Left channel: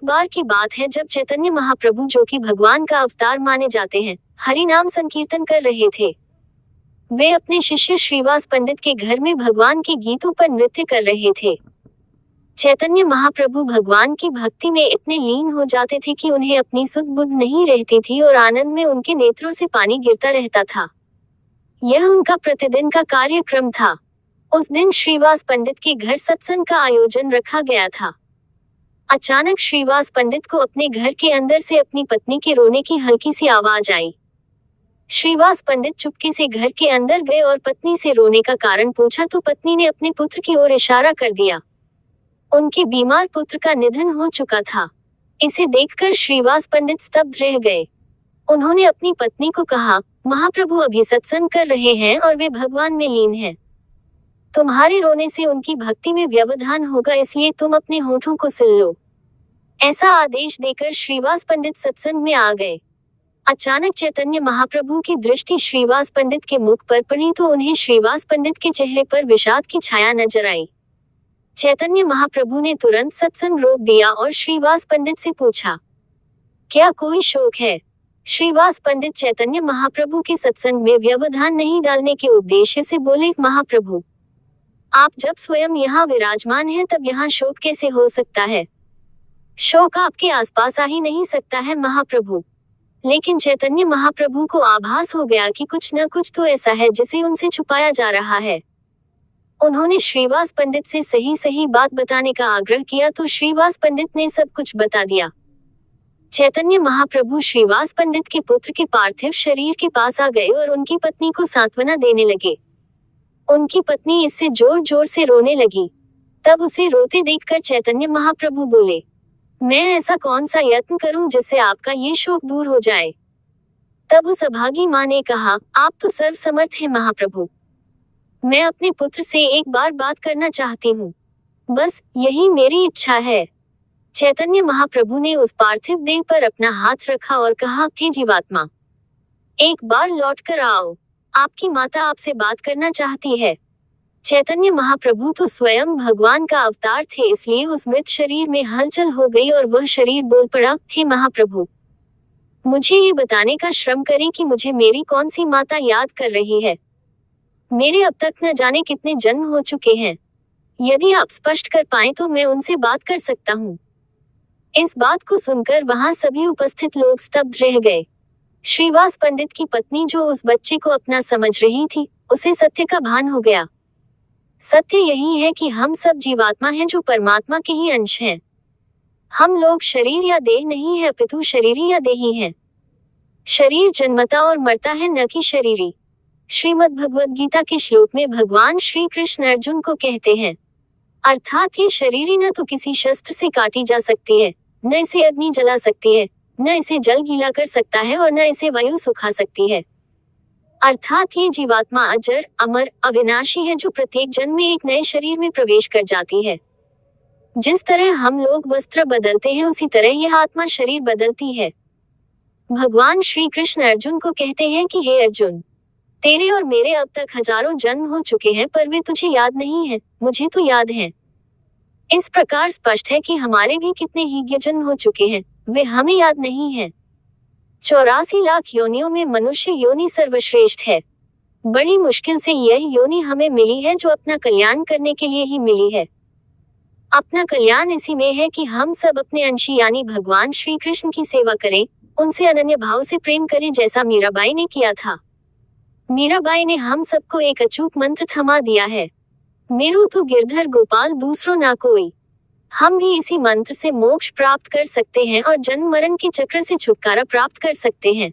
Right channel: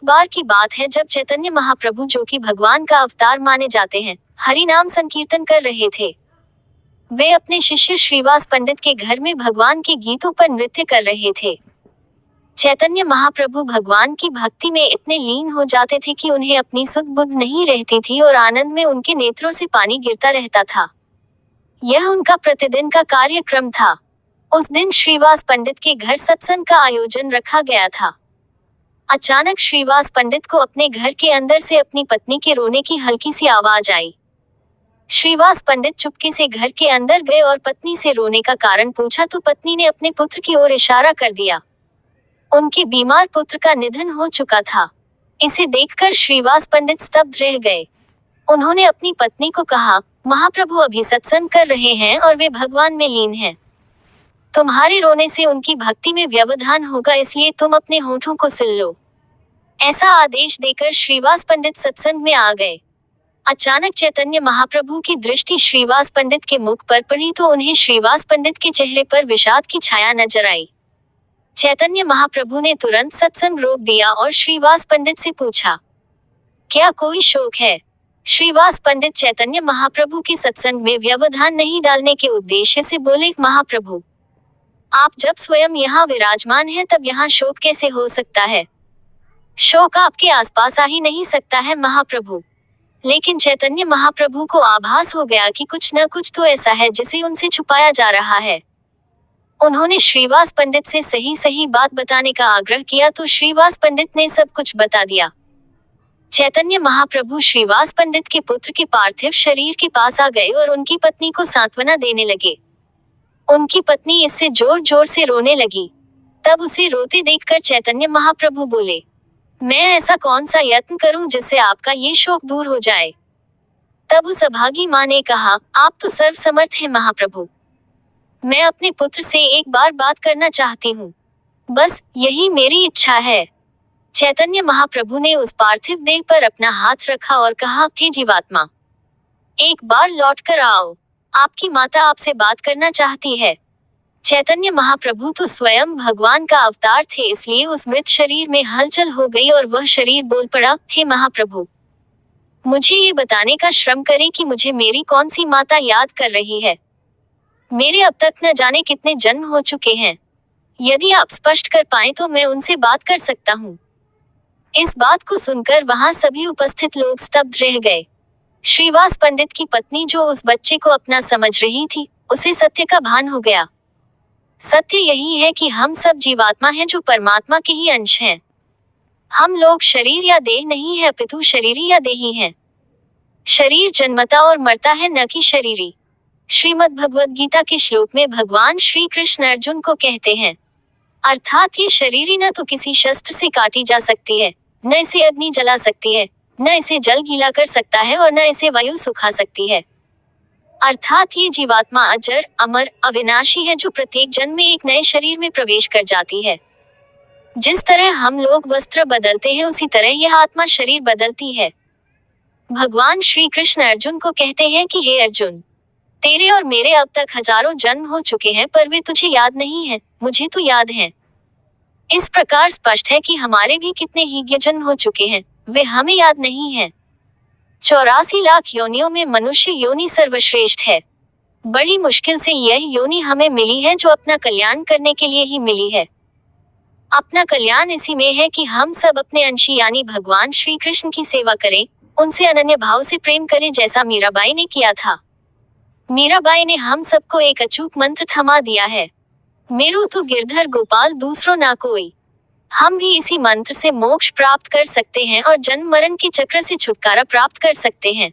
एक बार की बात है जब चैतन्य महाप्रभु, जो कि भगवान का अवतार माने जाते हैं, हरि नाम संकीर्तन कर रहे थे। वे अपने शिष्य श्रीवास पंडित के घर में भगवान के गीतों पर नृत्य कर रहे थे। चैतन्य महाप्रभु भगवान की भक्ति में इतने लीन हो जाते थे कि उन्हें अपनी सुध बुध नहीं रहती थी और आनंद में उनके नेत्रों से पानी गिरता रहता था। यह उनका प्रतिदिन का कार्यक्रम था। उस दिन श्रीवास पंडित के घर सत्संग का आयोजन रखा गया था। अचानक श्रीवास पंडित को अपने घर के अंदर से अपनी पत्नी के रोने की हल्की सी आवाज आई। श्रीवास पंडित चुपके से घर के अंदर गए और पत्नी से रोने का कारण पूछा तो पत्नी ने अपने पुत्र की ओर इशारा कर दिया। उनके बीमार पुत्र का निधन हो चुका था। इसे देखकर श्रीवास पंडित स्तब्ध रह गए। उन्होंने अपनी पत्नी को कहा, महाप्रभु अभी सत्संग कर रहे हैं और वे भगवान में लीन हैं। तुम्हारे रोने से उनकी भक्ति में व्यवधान होगा, इसलिए तुम अपने होठों को सिल लो। ऐसा आदेश देकर श्रीवास पंडित सत्संग में आ गए। अचानक चैतन्य महाप्रभु की दृष्टि श्रीवास पंडित के मुख पर पड़ी तो उन्हें श्रीवास पंडित के चेहरे पर विषाद की छाया नजर आई। चैतन्य महाप्रभु ने तुरंत सत्संग रोक दिया और श्रीवास पंडित से पूछा, क्या कोई शोक है? श्रीवास पंडित चैतन्य महाप्रभु के सत्संग में व्यवधान नहीं डालने के उद्देश्य से बोले, महाप्रभु, आप जब स्वयं यहाँ विराजमान हैं तब यहाँ शोक कैसे हो सकता है? शोक आपके आसपास आ ही नहीं सकता है महाप्रभु। लेकिन चैतन्य महाप्रभु को आभास हो गया कि कुछ न कुछ तो ऐसा है जिसे उनसे छुपाया जा रहा है। उन्होंने श्रीवास पंडित से सही सही बात बताने का आग्रह किया तो श्रीवास पंडित ने सब कुछ बता दिया। चैतन्य महाप्रभु श्रीवास पंडित के पुत्र के पार्थिव शरीर के पास आ गए और उनकी पत्नी को सांत्वना देने लगे। उनकी पत्नी इससे जोर जोर से रोने लगी। तब उसे रोते देखकर चैतन्य महाप्रभु बोले, मैं ऐसा कौन सा यत्न करूं जिससे आपका ये शोक दूर हो जाए? तब उस अभागी मां ने कहा, आप तो सर्वसमर्थ हैं महाप्रभु। मैं अपने पुत्र से एक बार बात करना चाहती हूँ। बस यही मेरी इच्छा है। चैतन्य महाप्रभु ने उस पार्थिव देह पर अपना हाथ रखा और कहा, हे जीवात्मा, एक बार लौट कर आओ। आपकी माता आपसे बात करना चाहती है। चैतन्य महाप्रभु तो स्वयं भगवान का अवतार थे, इसलिए उस मृत शरीर में हलचल हो गई और वह शरीर बोल पड़ा, हे महाप्रभु, मुझे ये बताने का श्रम करें कि मुझे मेरी कौन सी माता याद कर रही है। मेरे अब तक न जाने कितने जन्म हो चुके हैं। यदि आप स्पष्ट कर पाएं तो मैं उनसे बात कर सकता हूँ। इस बात को सुनकर वहां सभी उपस्थित लोग स्तब्ध रह गए। श्रीवास पंडित की पत्नी, जो उस बच्चे को अपना समझ रही थी, उसे सत्य का भान हो गया। सत्य यही है कि हम सब जीवात्मा हैं जो परमात्मा के ही अंश हैं। हम लोग शरीर या देह नहीं है, अपितु शरीरी या देही हैं। शरीर जन्मता और मरता है, न कि शरीरी। श्रीमद् भगवद गीता के श्लोक में भगवान श्री कृष्ण अर्जुन को कहते हैं, अर्थात ये शरीरी न तो किसी शस्त्र से काटी जा सकती है, न इसे अग्नि जला सकती है, न इसे जल गीला कर सकता है और न इसे वायु सुखा सकती है। अर्थात ये जीवात्मा अजर, अमर, अविनाशी है, जो प्रत्येक जन्म में एक नए शरीर में प्रवेश कर जाती है। जिस तरह हम लोग वस्त्र बदलते हैं, उसी तरह यह आत्मा शरीर बदलती है। भगवान श्री कृष्ण अर्जुन को कहते हैं कि हे अर्जुन, तेरे और मेरे अब तक हजारों जन्म हो चुके हैं, पर वे तुझे याद नहीं हैं, मुझे तो याद हैं। इस प्रकार स्पष्ट है कि हमारे भी कितने ही जन्म हो चुके हैं, वे हमें याद नहीं हैं। 84 लाख योनियों में मनुष्य योनि सर्वश्रेष्ठ है। बड़ी मुश्किल से यह योनि हमें मिली है, जो अपना कल्याण करने के लिए ही मिली है। अपना कल्याण इसी में है कि हम सब अपने अंशी यानी भगवान श्री कृष्ण की सेवा करें, उनसे अनन्य भाव से प्रेम करें, जैसा मीराबाई ने किया था। मीराबाई ने हम सबको एक अचूक मंत्र थमा दिया है, मेरू तो गिरधर गोपाल दूसरो ना कोई। हम भी इसी मंत्र से मोक्ष प्राप्त कर सकते हैं और जन्म मरण के चक्र से छुटकारा प्राप्त कर सकते हैं।